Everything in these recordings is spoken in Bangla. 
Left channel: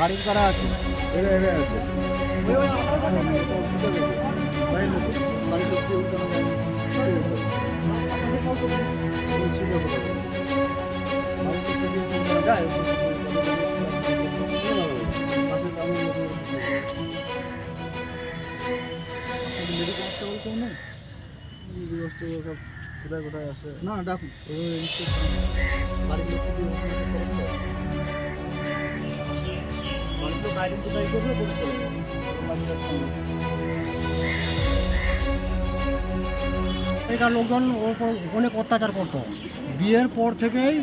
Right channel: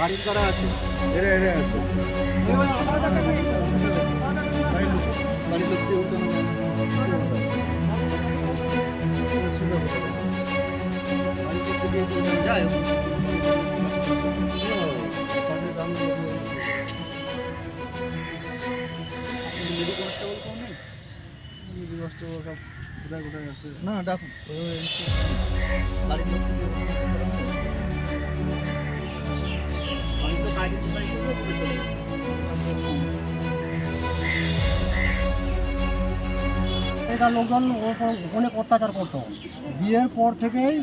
বাড়ির করা আছে এরে আছে বাড়ির লোক যায় কোথায় কোথায় আছে না ডাক বাড়ির লোক এখানকার লোকজন ওর অনেক অত্যাচার করতো। বিয়ের পর থেকেই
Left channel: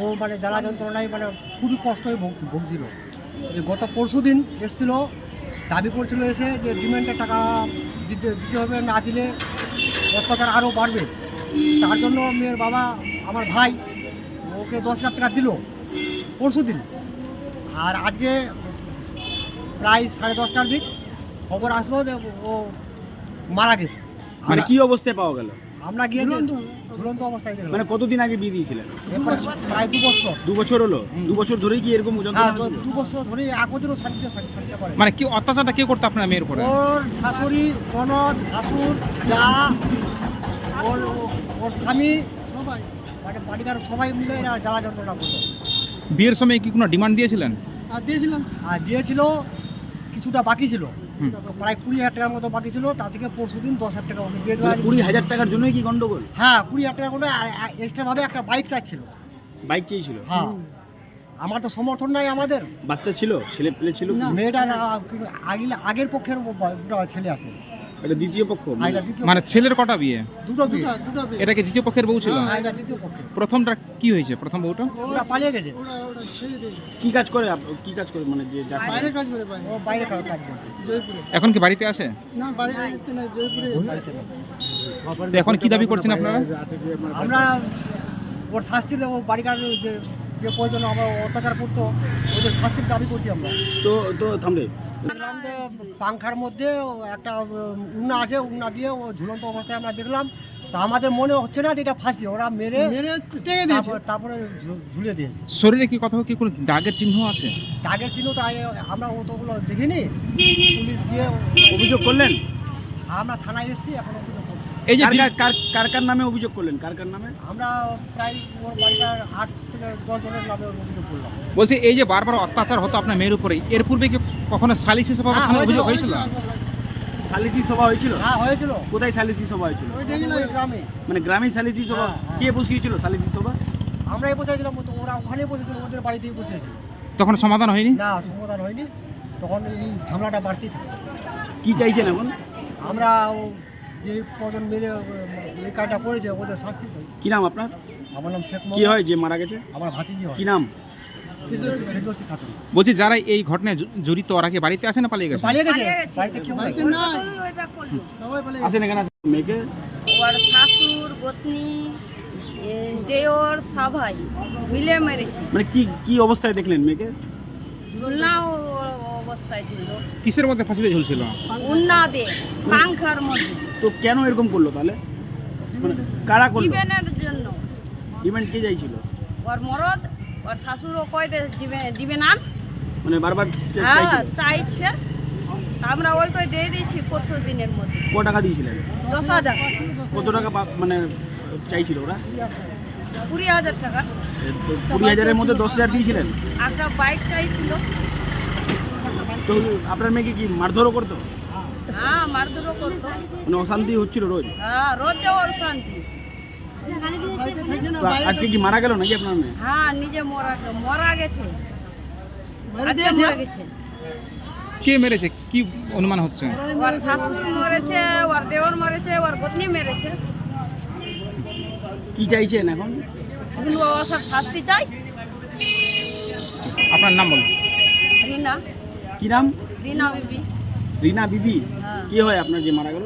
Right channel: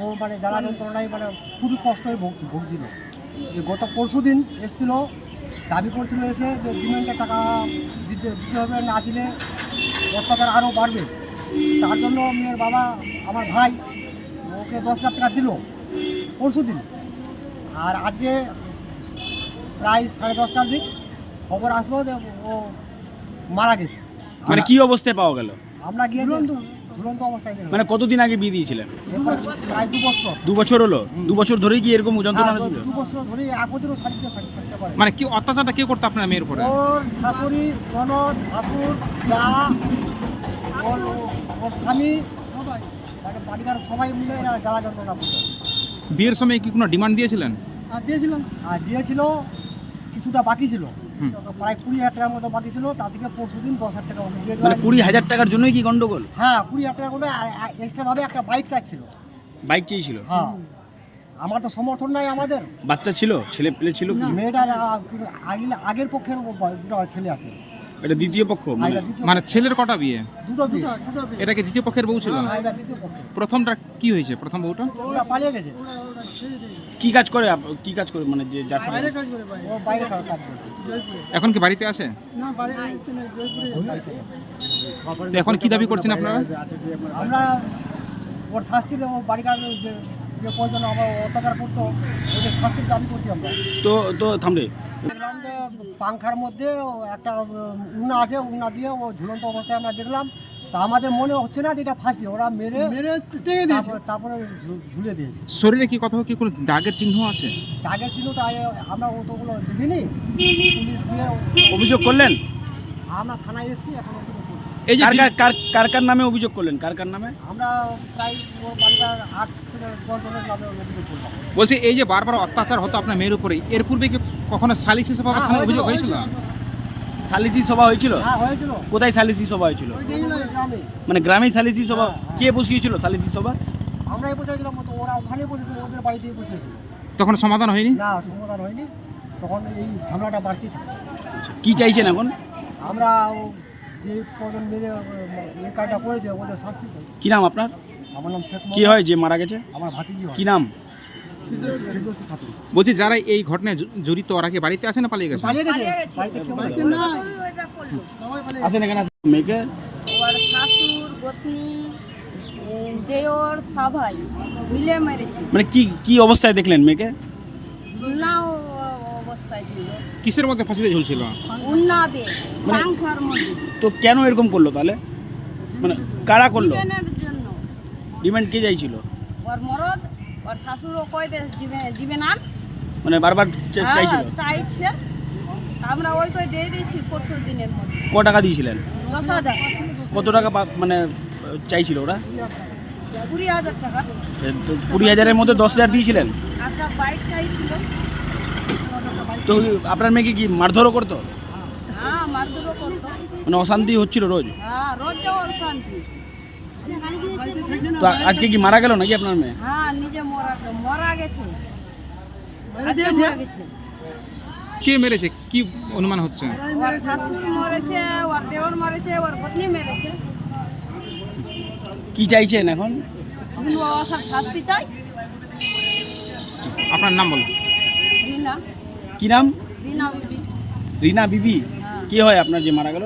ও মানে জ্বালা যন্ত্রণায় মানে খুবই কষ্ট হয়ে ভুগছিল। গত পরশু দিন এসেছিল, দাবি করছিল এসে যে ডিমান্ডের টাকা দিতে হবে, না দিলে অত্যাচার আরও বাড়বে। তার জন্য মেয়ের বাবা আমার ভাই ওকে 10,000 টাকা দিল পরশু দিন। আর আজকে প্রায় 10:30টার দিক খবর আসলো যে ও মারা গেছে। মানে কি অবস্থায় পাওয়া গেল? আমরা গিয়ে ঝুলন্ত অবস্থায় দেখলাম। মানে কতদিন আগে বিয়ে দিয়েছিলেন? প্রায় 2 বছর। 2 বছর হলো? 2 বছর ধরেই কি এরকম যন্ত্রণা ছিল? 2 বছর ধরে একদিনও শান্তিতে থাকতে পারে। মানে কি অত্যাচারটা কে করতো আপনার মেয়ের উপরে? ওর শাশুড়ি, ননদ, ভাসুর, যা, ওর স্বামী, মানে বাড়ির সবাই মিলে এরা জ্বালা যন্ত্রণা করতো। বিয়ের সময় কি কোনো ডিমান্ড দিয়েছিলেন? আর দিয়েছিল, কিছুটা বাকি ছিল, প্রায় 20,000 টাকার মতো বাকি ছিল। তা থেকে পরশু দিন 10,000 টাকা ওকে দিয়ে দেওয়া। 20,000 টাকার জন্যই কি গন্ডগোল? হ্যাঁ, 20,000 টাকা করে এক্সট্রা ভাবে একটা বাইক চাচ্ছিল। বাইক চেয়েছিল? হ্যাঁ, আমার তো সমর্থন নাই। আমাদের বাচ্চা ছিল, ছেলে পেলে ছিল? মেয়েটার আগের পক্ষের দুটো ছেলে আছে। এটা দ্বিতীয় পক্ষ? মানে ছেলের কটা বিয়ে? দুটো বিয়ে। এটা কি দ্বিতীয় পক্ষের বউ ছিল? হ্যাঁ, এটা দ্বিতীয় পক্ষের। প্রথমটা কি হয়েছে? প্রথম বউটা ওরা পালিয়ে গেছে। কি কাজ করে? কি কাজ করে? মানে যে যার সাথে ও বাইরে কাজ করে। এখন কি বাড়িতে আসে? না, বাড়িতে তো এখন কি দাবি করছেন আপনারা? আমরা ওর শাস্তি দেবো। বাড়িকার যে প্রয়োজন আমরা অত্যাচার করতো, ওদের শাস্তির দাবি করছি আমরা। তো থামলে দেখলাম যে পাংখার মধ্যে একটা উন্না আছে, উন্না দিয়ে ও ঝুলন্ত অবস্থায় আমরা দেখলাম। তা আমাদের মনে হচ্ছে না যে এটা ফাঁসি, ওরা মেরে তারপরে ঝুলে দিয়ে। শরীরে কি কোথাও কি কোনো দাগের চিহ্ন আছে? দাগের চিহ্ন তাই আমরা অতগুলো দেখিনি। পুলিশ গিয়ে অভিযোগ করলেন? আমরা থানায় এসেছি, এখন অভিযোগ করছি। এই যে কার নামে অভিযোগ করলেন? কার নামে? আমরা প্রায় ওর বাড়িটার 8 থেকে 10 জনের নামে অভিযোগ করলাম। বলছি এই যে বারবার অত্যাচার হতো আপনার মেয়ের উপরে, এর পূর্বে কি কখনো সালিসি সভা থানায় অভিযোগ হয়েছিল? সালিসি সভা হয়েছিল? হ্যাঁ, হয়েছিল। কোথায় সালিসি সভা হয়েছিল? গ্রামে। মানে গ্রামে সালিসি সভা? হ্যাঁ। কে বসিয়েছিল সালিসি সভা? আমরাই বসেছিলাম, ওরা ওখানে বসেছিল, ওদের বাড়িতেই বসেছিল। তখন সমাধান হয়নি? না, সমাধান হয়নি। তখন এই ঝামেলাটা বাড়তি থাকে। কি চাইছেন এখন? আমরা যে কজন মেরে এই কাজটা করেছে ওদের শাস্তি চাই। কি নাম আপনার? আমার নাম শেখ। কি হয় যে মারা গেছে? আমার ভাতিজি হয়। কি নাম? ফেরদৌসী খাতুন। বলছি যারা এই ঘটনায় জড়িত ওরা কি বাড়িতে আছে না পালিয়ে গেছে? পালিয়ে গেছে। বাড়িতে কেউ নাই। আসেন এখানে। মেয়েকে ওর শাশুর, গোতনি দেওর সাভাই মিলে মেরেছে। মানে কি কি অবস্থায় দেখলেন মেয়েকে? ঝুলনাও অবস্থায় ছিল, কিসের মধ্যে ফাঁসিতে ঝুলছিল? উন্না দে পাংখার মধ্যে। তো কেন এরকম করলো তাহলে? মানে কারা করলো? জীবনের জন্য ডিমান্ড কে চাইছিল? ওর মরদ ওর শাশুড়ও কয় দে জীবন আন, মানে বারবার চাইছিল? চাইছে। আমরা ওই কই দিয়ে দিয়েছি পরশু দিনের মধ্যে। ক টাকা দিয়েছিলেন? 10,000। কত টাকা মানে চাইছিল ওরা? 20,000 টাকা। তো 20,000-এর মধ্যে 10,000 দিয়েছিলেন? একটা বাইক চাইছিল। তো আপনার মেয়েকে কি মারধরও করতো? হ্যাঁ, মারধরও করতো। মানে অশান্তি হচ্ছিল রোজ? হ্যাঁ, রোজ যাওয়ার শান্তি। তো আজকে কি মারা গেল নাকি আপনার মেয়ে? হ্যাঁ, নিজে মারা গেছে। আজকে মারা গেছে। কে মেরেছে কি অনুমান হচ্ছে? ওর শাশুড় মরেছে, ওর দেওর মরেছে, ওর পত্নী মেরেছে। কি চাইছেন এখন? এখন ওর শাস্তি চাই। আপনার নাম বলুন। রিনা, কি নাম? রিনা বিবি। রিনা বিবি? হ্যাঁ। কি হয় আপনার যে মারা গেল?